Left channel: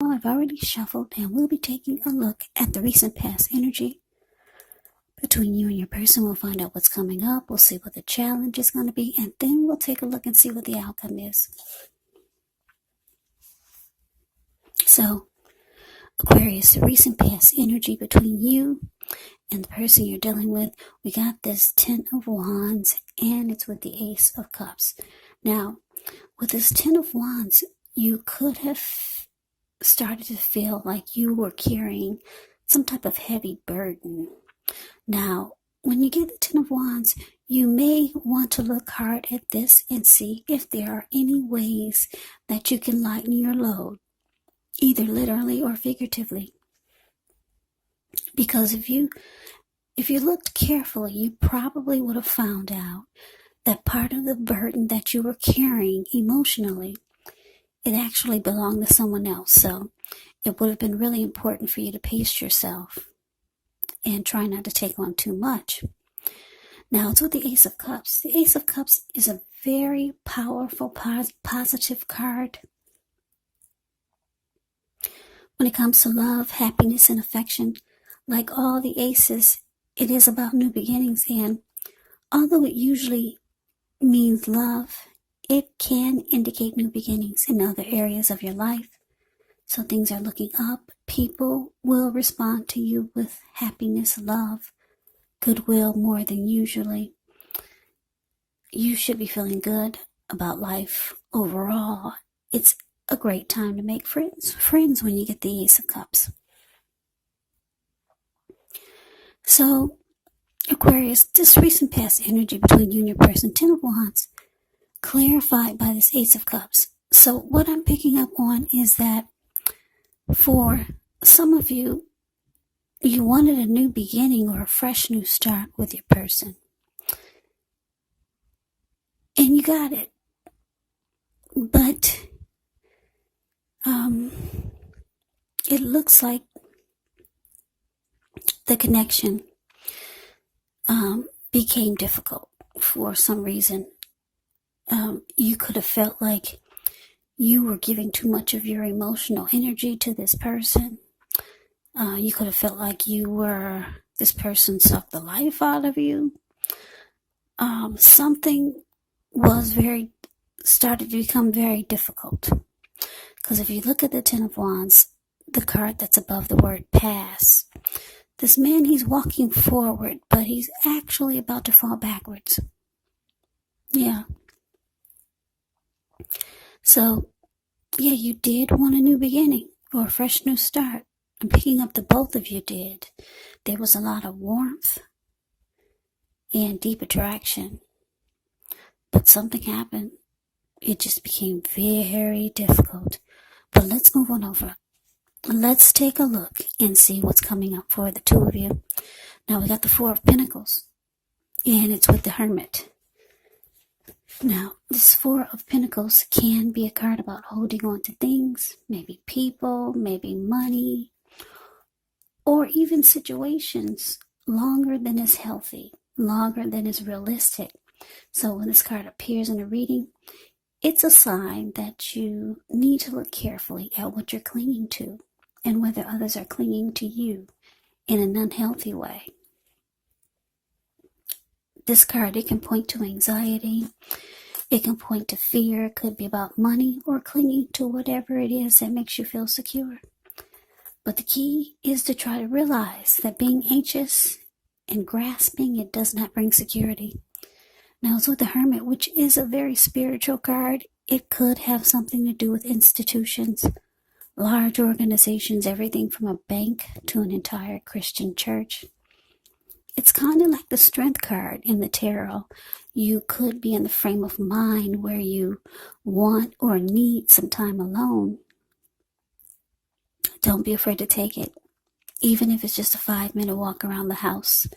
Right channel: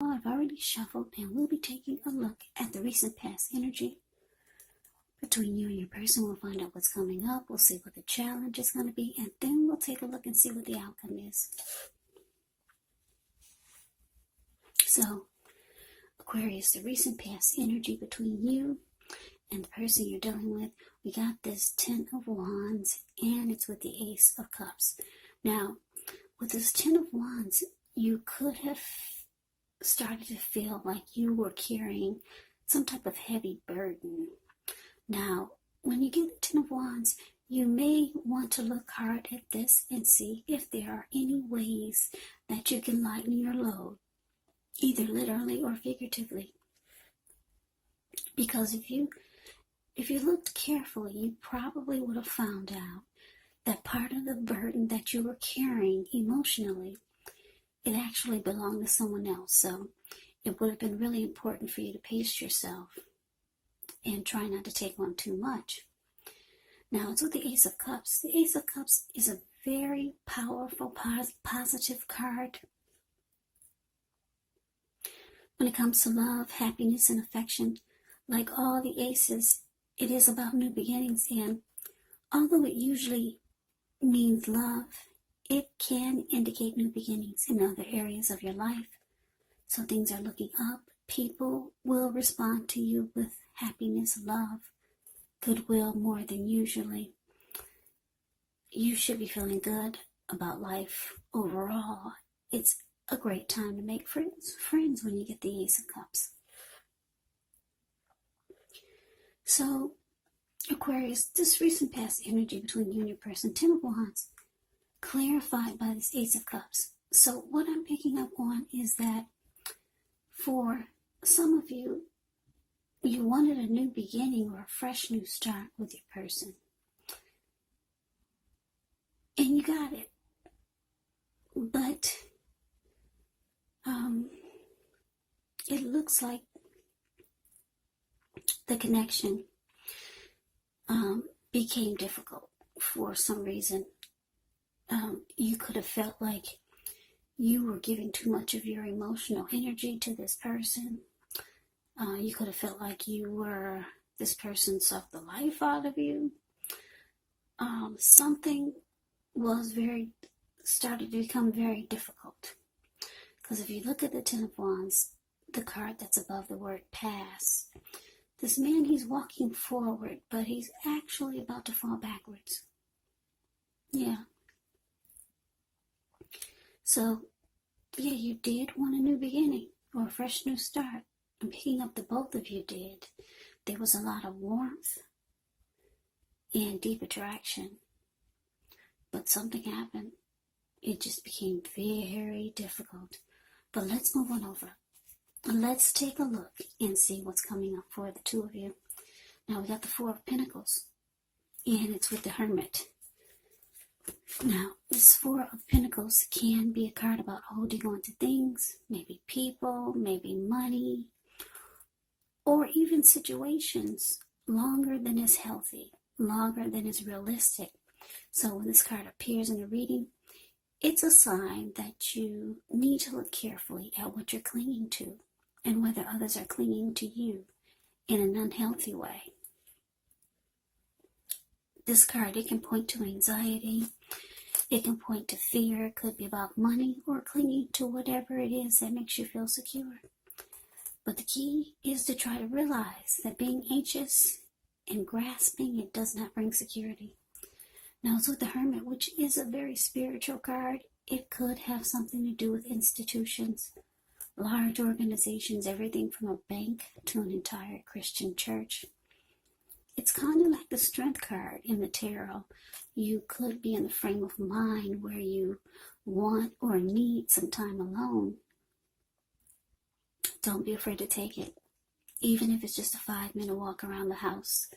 I've already shuffled, and we'll be taking a look at the recent past energy between you and your person. We'll find out what's coming up. We'll see what the challenge is going to be, and then we'll take a look and see what the outcome is. So, Aquarius, the recent past energy between you and the person you're dealing with. We got this 10 of Wands, and it's with the Ace of Cups. Now, with this 10 of Wands, you could have started to feel like you were carrying some type of heavy burden. Now, when you get the 10 of Wands, you may want to look hard at this and see if there are any ways that you can lighten your load, either literally or figuratively. Because if you looked carefully, you probably would have found out that part of the burden that you were carrying emotionally, it actually belonged to someone else. So it would have been really important for you to pace yourself and try not to take on too much. Now, it's with the Ace of Cups. The Ace of Cups is a very powerful, positive card. When it comes to love, happiness, and affection, like all the aces, it is about new beginnings. And although it usually means love, it can indicate new beginnings in other areas of your life. So things are looking up. People will respond to you with happiness, love, goodwill more than usually. You should be feeling good about life overall. It's a great time to make friends when you get the Ace of Cups. So, Aquarius, this recent past energy between you and your person, 10 of Wands, clarified by this Ace of Cups. So what I'm picking up on is that for some of you, you wanted a new beginning or a fresh new start with your person. And you got it. But it looks like the connection became difficult for some reason. You could have felt like you were giving too much of your emotional energy to this person. You could have felt like this person sucked the life out of you. Something started to become very difficult. Because if you look at the 10 of Wands, the card that's above the word pass, this man, he's walking forward, but he's actually about to fall backwards. Yeah. So, yeah, you did want a new beginning or a fresh new start. I'm picking up the both of you did. There was a lot of warmth and deep attraction. But something happened. It just became very difficult. But let's move on over. Let's take a look and see what's coming up for the two of you. Now, we got the 4 of Pentacles, and it's with the Hermit. Now, this 4 of Pentacles can be a card about holding on to things, maybe people, maybe money, or even situations longer than is healthy, longer than is realistic. So when this card appears in a reading, it's a sign that you need to look carefully at what you're clinging to and whether others are clinging to you in an unhealthy way. This card, it can point to anxiety. It can point to fear. It could be about money or clinging to whatever it is that makes you feel secure. But the key is to try to realize that being anxious and grasping, it does not bring security. Now, it's with the Hermit, which is a very spiritual card. It could have something to do with institutions, large organizations, everything from a bank to an entire Christian church. It's kind of like the Strength card in the tarot. You could be in the frame of mind where you want or need some time alone. Don't be afraid to take it, even if it's just a 5-minute walk around the house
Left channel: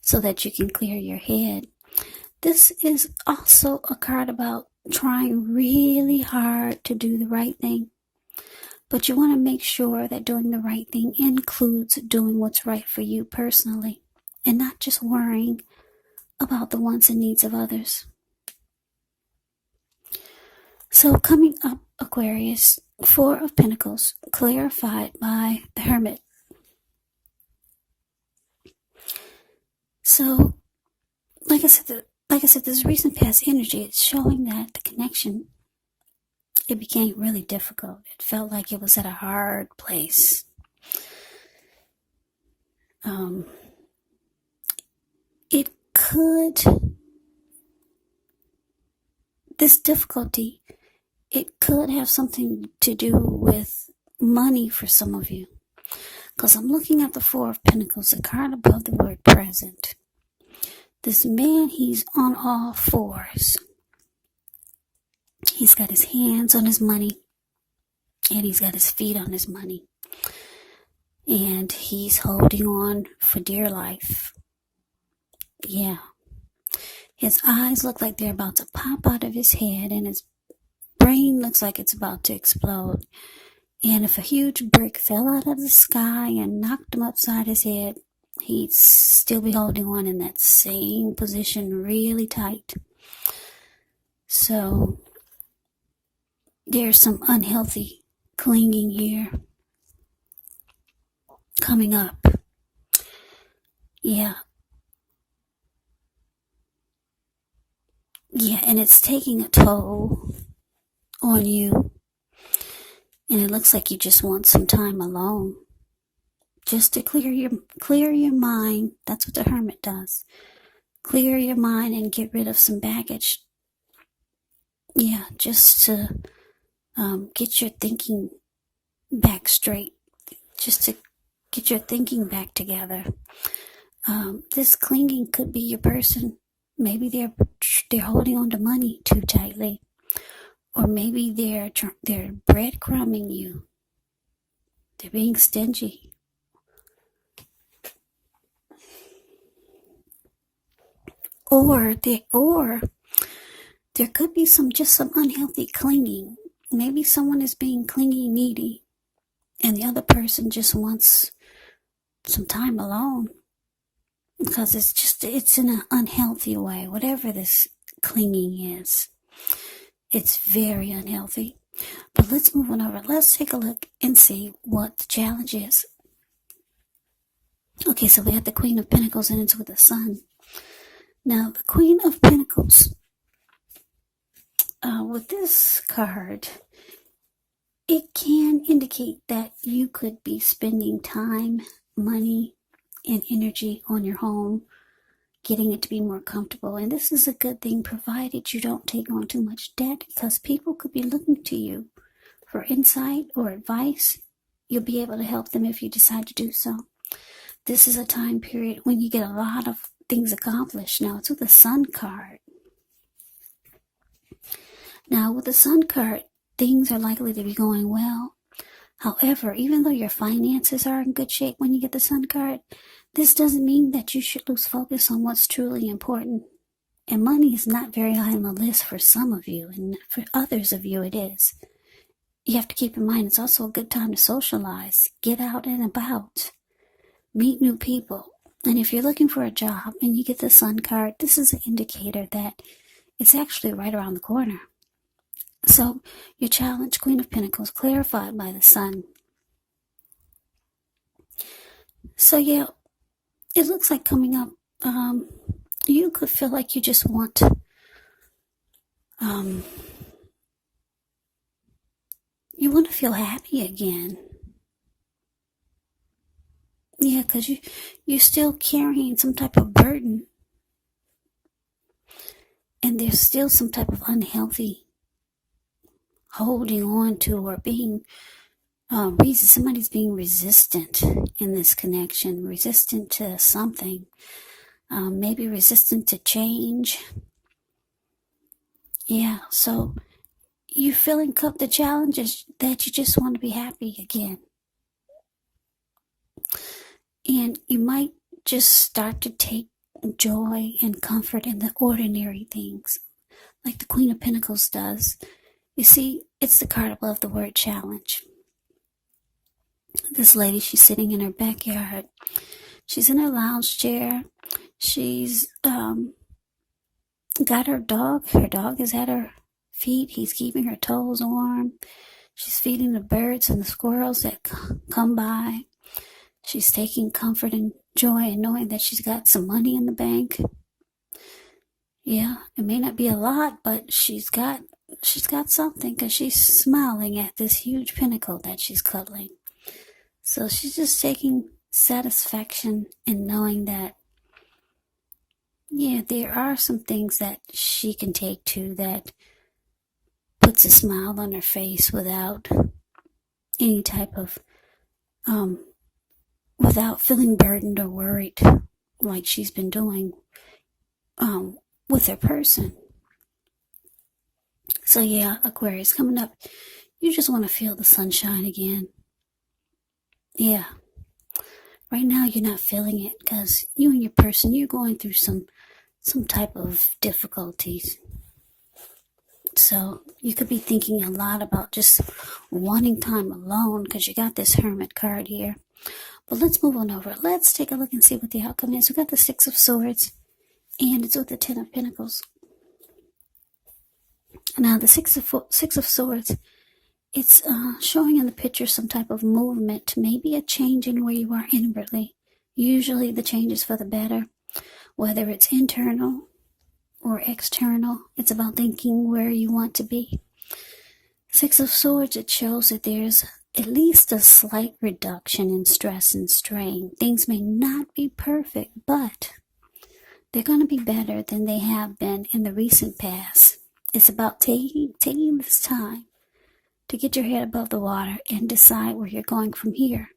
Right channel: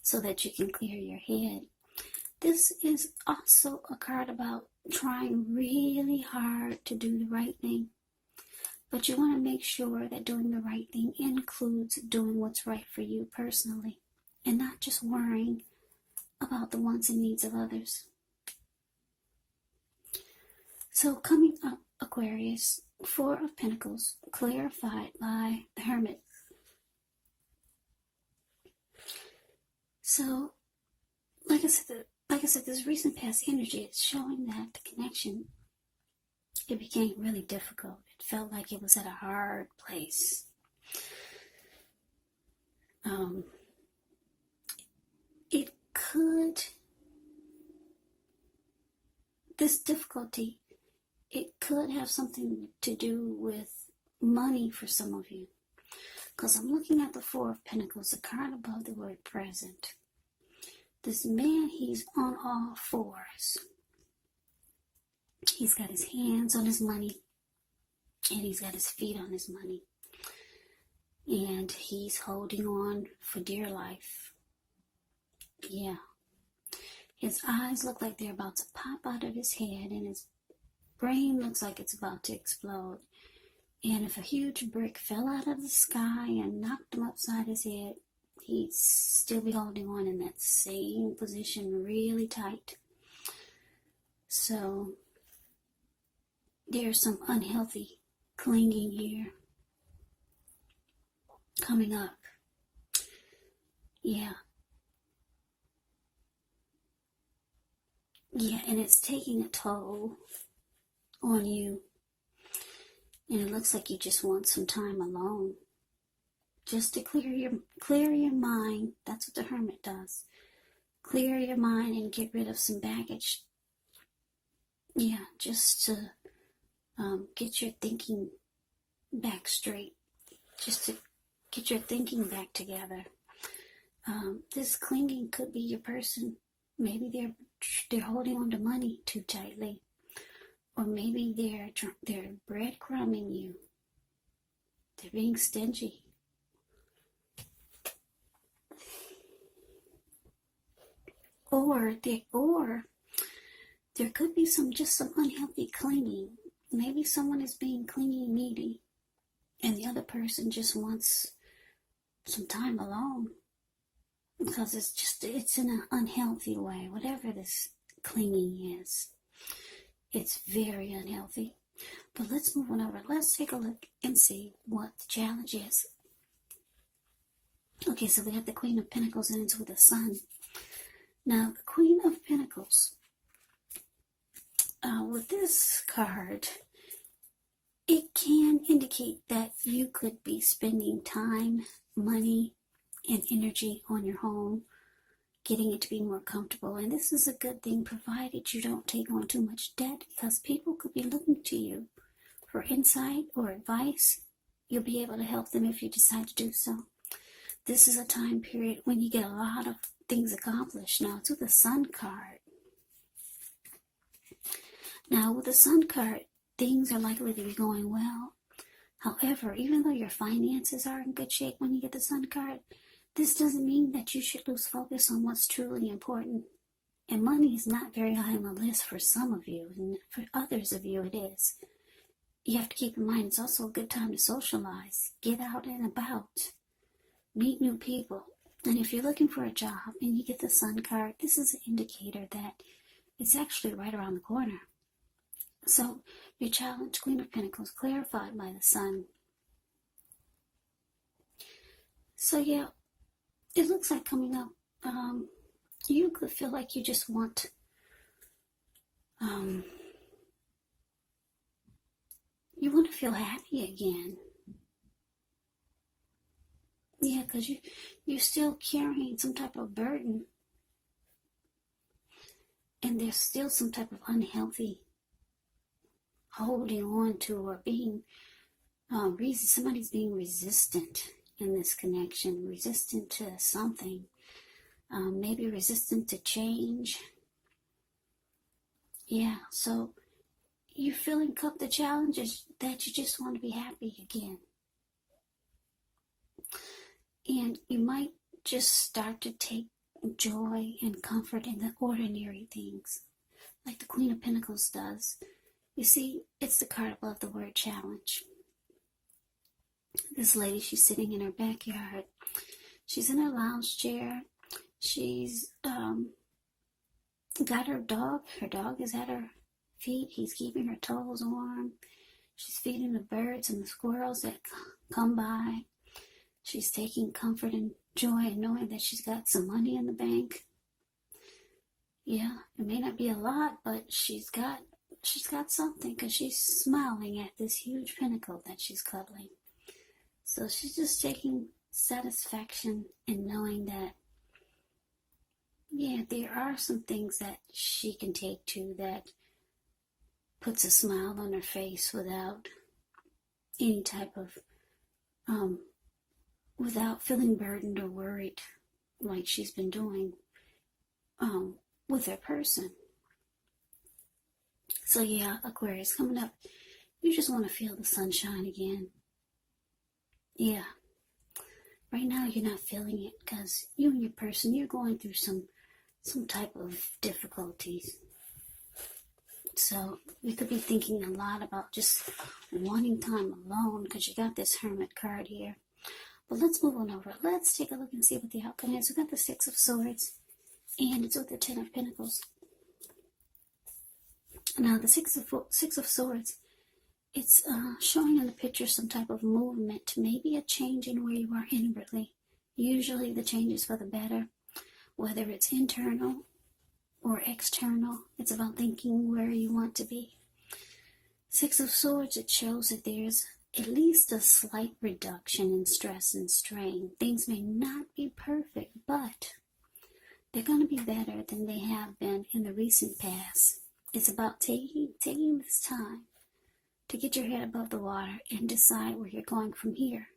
so that you can clear your head. This is also a card about trying really hard to do the right thing. But you want to make sure that doing the right thing includes doing what's right for you personally and not just worrying about the wants and needs of others. So coming up, Aquarius, Four of Pentacles, clarified by the Hermit. So, like I said, this recent past energy, it's showing that the connection, it became really difficult. It felt like it was at a hard place. This difficulty, it could have something to do with money for some of you. Because I'm looking at the Four of Pentacles, the card above the word present. This man, he's on all fours. He's got his hands on his money, and he's got his feet on his money. And he's holding on for dear life. Yeah. His eyes look like they're about to pop out of his head, and his brain looks like it's about to explode. And if a huge brick fell out of the sky and knocked him upside his head, he'd still be holding on in that same position really tight. So there's some unhealthy clinging here coming up. Yeah, and it's taking a toll on you. And it looks like you just want some time alone. Just to clear your mind. That's what the Hermit does. Clear your mind and get rid of some baggage. Yeah, just to get your thinking back straight. Just to get your thinking back together. This clinging could be your person. Maybe they're holding on to money too tightly. Or maybe they're breadcrumbing you. They're being stingy. Or there could be some unhealthy clinging. Maybe someone is being clingy, needy, and the other person just wants some time alone. Because it's in an unhealthy way. Whatever this clinging is, it's very unhealthy. But let's move on over. Let's take a look and see what the challenge is. Okay, so we have the Queen of Pentacles and it's with the Sun. Now, the Queen of Pentacles, with this card, it can indicate that you could be spending time, money, and energy on your home, getting it to be more comfortable. And this is a good thing, provided you don't take on too much debt, because people could be looking to you for insight or advice. You'll be able to help them if you decide to do so. This is a time period when you get a lot of things accomplished. Now, it's with the Sun card. Now, with the Sun card, things are likely to be going well. However, even though your finances are in good shape when you get the Sun card, this doesn't mean that you should lose focus on what's truly important. And money is not very high on the list for some of you, and for others of you it is. You have to keep in mind it's also a good time to socialize, get out and about, meet new people. And if you're looking for a job and you get the Sun card, this is an indicator that it's actually right around the corner. So your challenge, Queen of Pentacles, clarified by the Sun. So yeah, it looks like coming up, you could feel like you just want you want to feel happy again. Yeah, because you're still carrying some type of burden. And there's still some type of unhealthy holding on to, or being somebody's being resistant in this connection, resistant to something, maybe resistant to change. Yeah, so you're feeling the challenges that you just want to be happy again. And you might just start to take joy and comfort in the ordinary things, like the Queen of Pentacles does. You see, it's the card above the word challenge. This lady, she's sitting in her backyard. She's in her lounge chair. She's got her dog. Her dog is at her feet. He's keeping her toes warm. She's feeding the birds and the squirrels that come by. She's taking comfort and joy in knowing that she's got some money in the bank. Yeah, it may not be a lot, but she's got something because she's smiling at this huge pinnacle that she's cuddling. So she's just taking satisfaction in knowing that, yeah, there are some things that she can take to that puts a smile on her face without any type of, without feeling burdened or worried like she's been doing with her person. So yeah, Aquarius, coming up, you just want to feel the sunshine again. Yeah. Right now you're not feeling it because you and your person, you're going through some type of difficulties. So you could be thinking a lot about just wanting time alone because you got this Hermit card here. But let's move on over. Let's take a look and see what the outcome is. We got the Six of Swords and it's with the Ten of Pentacles. Now the Six of Swords, it's showing in the picture some type of movement, maybe a change in where you are inwardly. Usually the change is for the better, whether it's internal or external. It's about thinking where you want to be. Six of Swords, it shows that there's at least a slight reduction in stress and strain. Things may not be perfect, but they're going to be better than they have been in the recent past. It's about taking this time to get your head above the water and decide where you're going from here.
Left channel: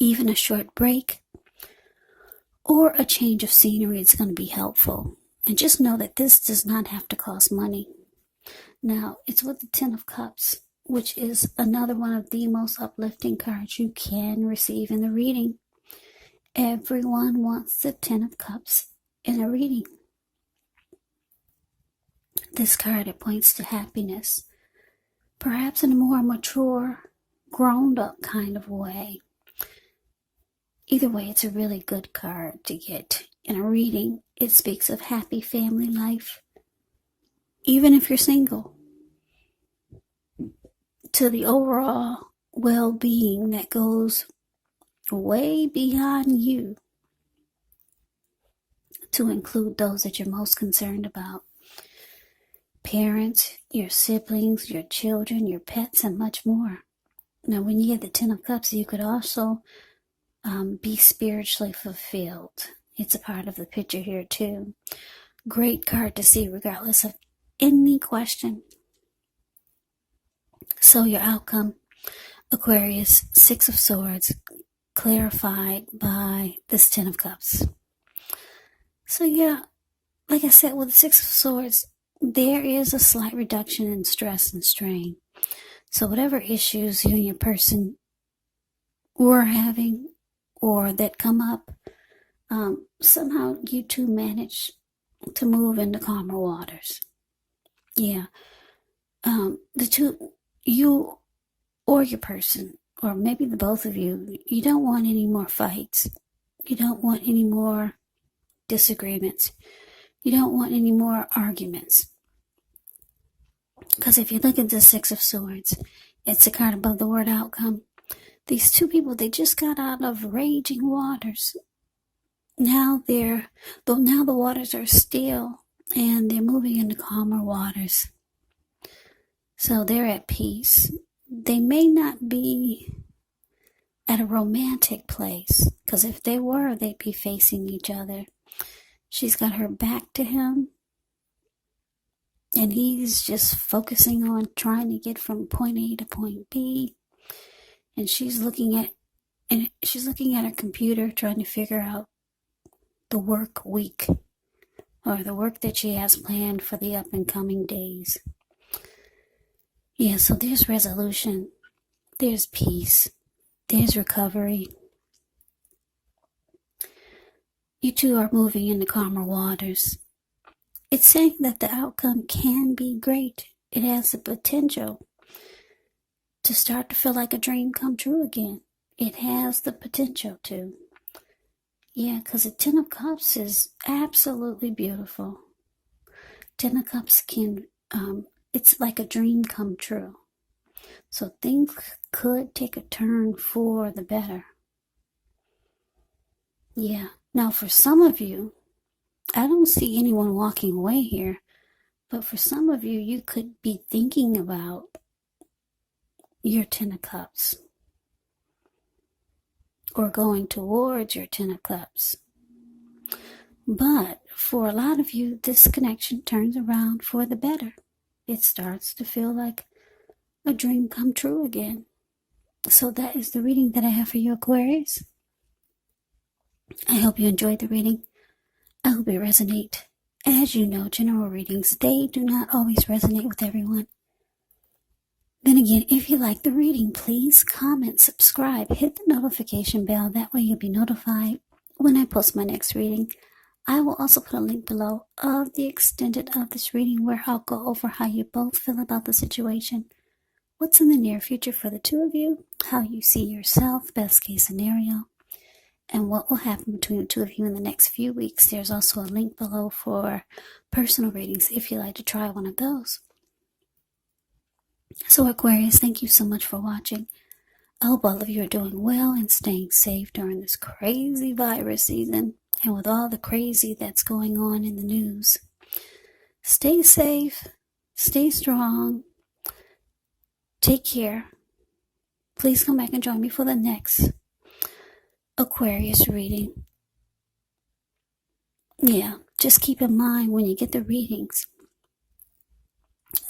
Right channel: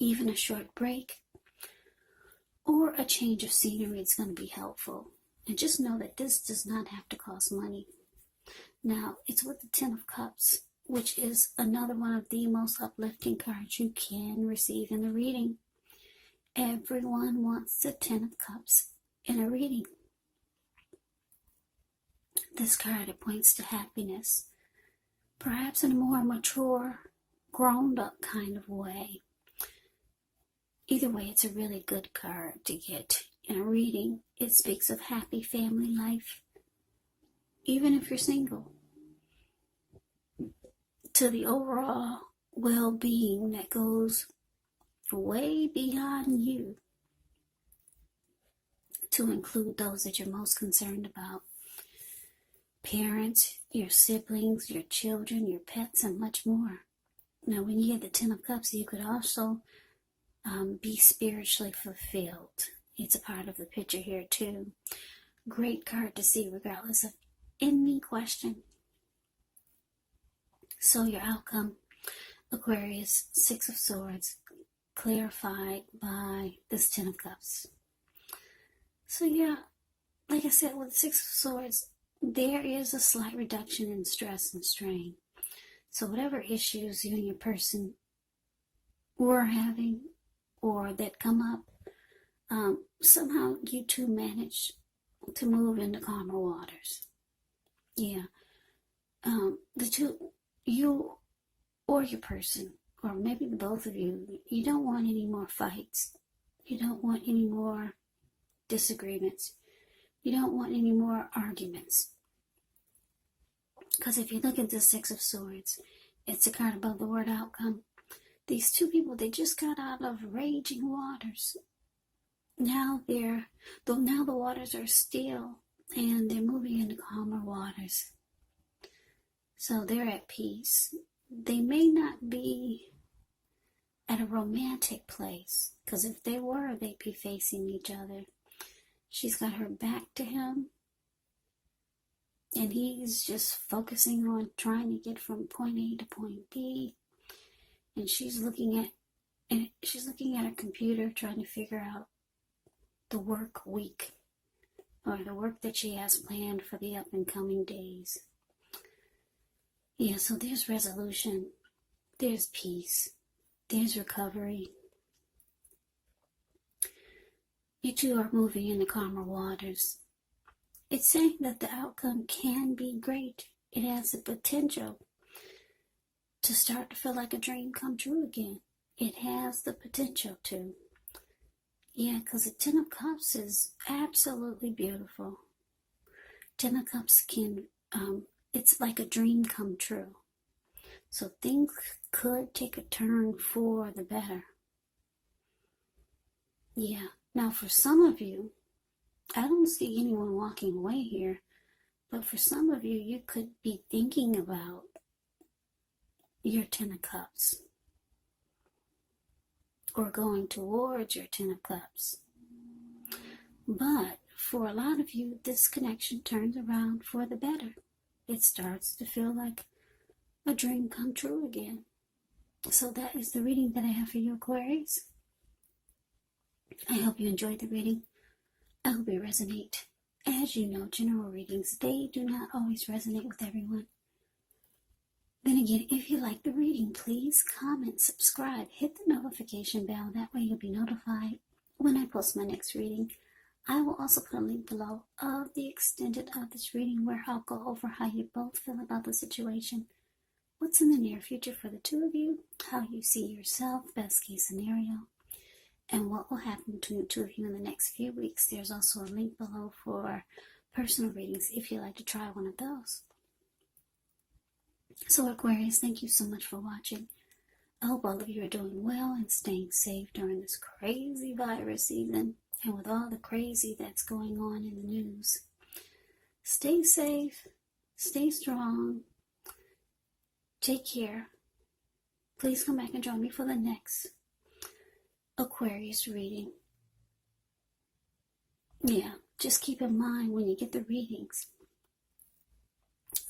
Even a short break or a change of scenery is going to be helpful. And just know that this does not have to cost money. Now, it's with the Ten of Cups, which is another one of the most uplifting cards you can receive in the reading. Everyone wants the Ten of Cups in a reading. This card, it points to happiness, perhaps in a more mature, grown-up kind of way. Either way, it's a really good card to get in a reading. It speaks of happy family life, even if you're single, to the overall well-being that goes way beyond you, to include those that you're most concerned about. Parents, your siblings, your children, your pets, and much more. Now, when you get the Ten of Cups, you could also be spiritually fulfilled. It's a part of the picture here too. Great card to see regardless of any question. So your outcome, Aquarius, Six of Swords, clarified by this Ten of Cups. So yeah, like I said, with the Six of Swords, there is a slight reduction in stress and strain. So whatever issues you and your person were having or that come up, somehow you two manage to move into calmer waters. Yeah. The two, you or your person, or maybe the both of you, you don't want any more fights. You don't want any more disagreements. You don't want any more arguments. Because if you look at the Six of Swords, it's a card above the word outcome. These two people, they just got out of raging waters. Now the waters are still and they're moving into calmer waters. So they're at peace. They may not be at a romantic place, because if they were, they'd be facing each other. She's got her back to him, and he's just focusing on trying to get from point A to point B. And she's looking at her computer trying to figure out the work week or the work that she has planned for the up and coming days. Yeah, so there's resolution, there's peace, there's recovery. You two are moving into calmer waters. It's saying that the outcome can be great. It has the potential to start to feel like a dream come true again. It has the potential to. Yeah, because the Ten of Cups is absolutely beautiful. Ten of Cups can it's like a dream come true. So things could take a turn for the better. Yeah. Now, for some of you, I don't see anyone walking away here, but for some of you, you could be thinking about your Ten of Cups or going towards your Ten of Cups. But for a lot of you, this connection turns around for the better. It starts to feel like a dream come true again. So that is the reading that I have for you, Aquarius. I hope you enjoyed the reading. I hope it resonates. As you know, general readings, they do not always resonate with everyone. Then again, if you like the reading, please comment, subscribe, hit the notification bell. That way you'll be notified when I post my next reading. I will also put a link below of the extended of this reading where I'll go over how you both feel about the situation, what's in the near future for the two of you, how you see yourself, best case scenario, and what will happen between the two of you in the next few weeks. There's also a link below for personal readings if you'd like to try one of those. So Aquarius, thank you so much for watching. I hope all of you are doing well and staying safe during this crazy virus season and with all the crazy that's going on in the news. Stay safe, stay strong, take care. Please come back and join me for the next Aquarius reading. Yeah, just keep in mind when you get the readings,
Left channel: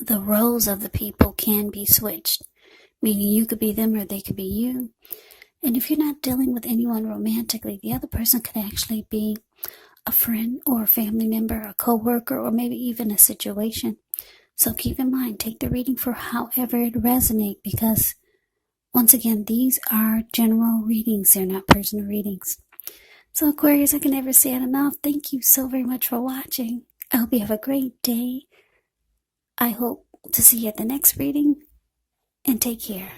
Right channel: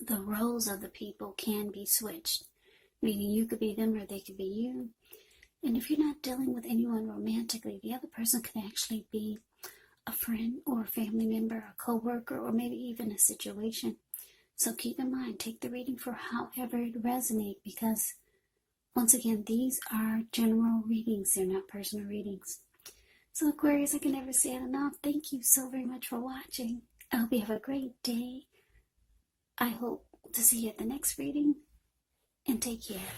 the roles of the people can be switched, meaning you could be them or they could be you. And if you're not dealing with anyone romantically, the other person could actually be a friend or a family member, a co-worker, or maybe even a situation. So keep in mind, take the reading for however it resonates, because once again, these are general readings. They're not personal readings. So Aquarius, I can never say it enough. Thank you so very much for watching. I hope you have a great day. I hope to see you at the next reading, and take care.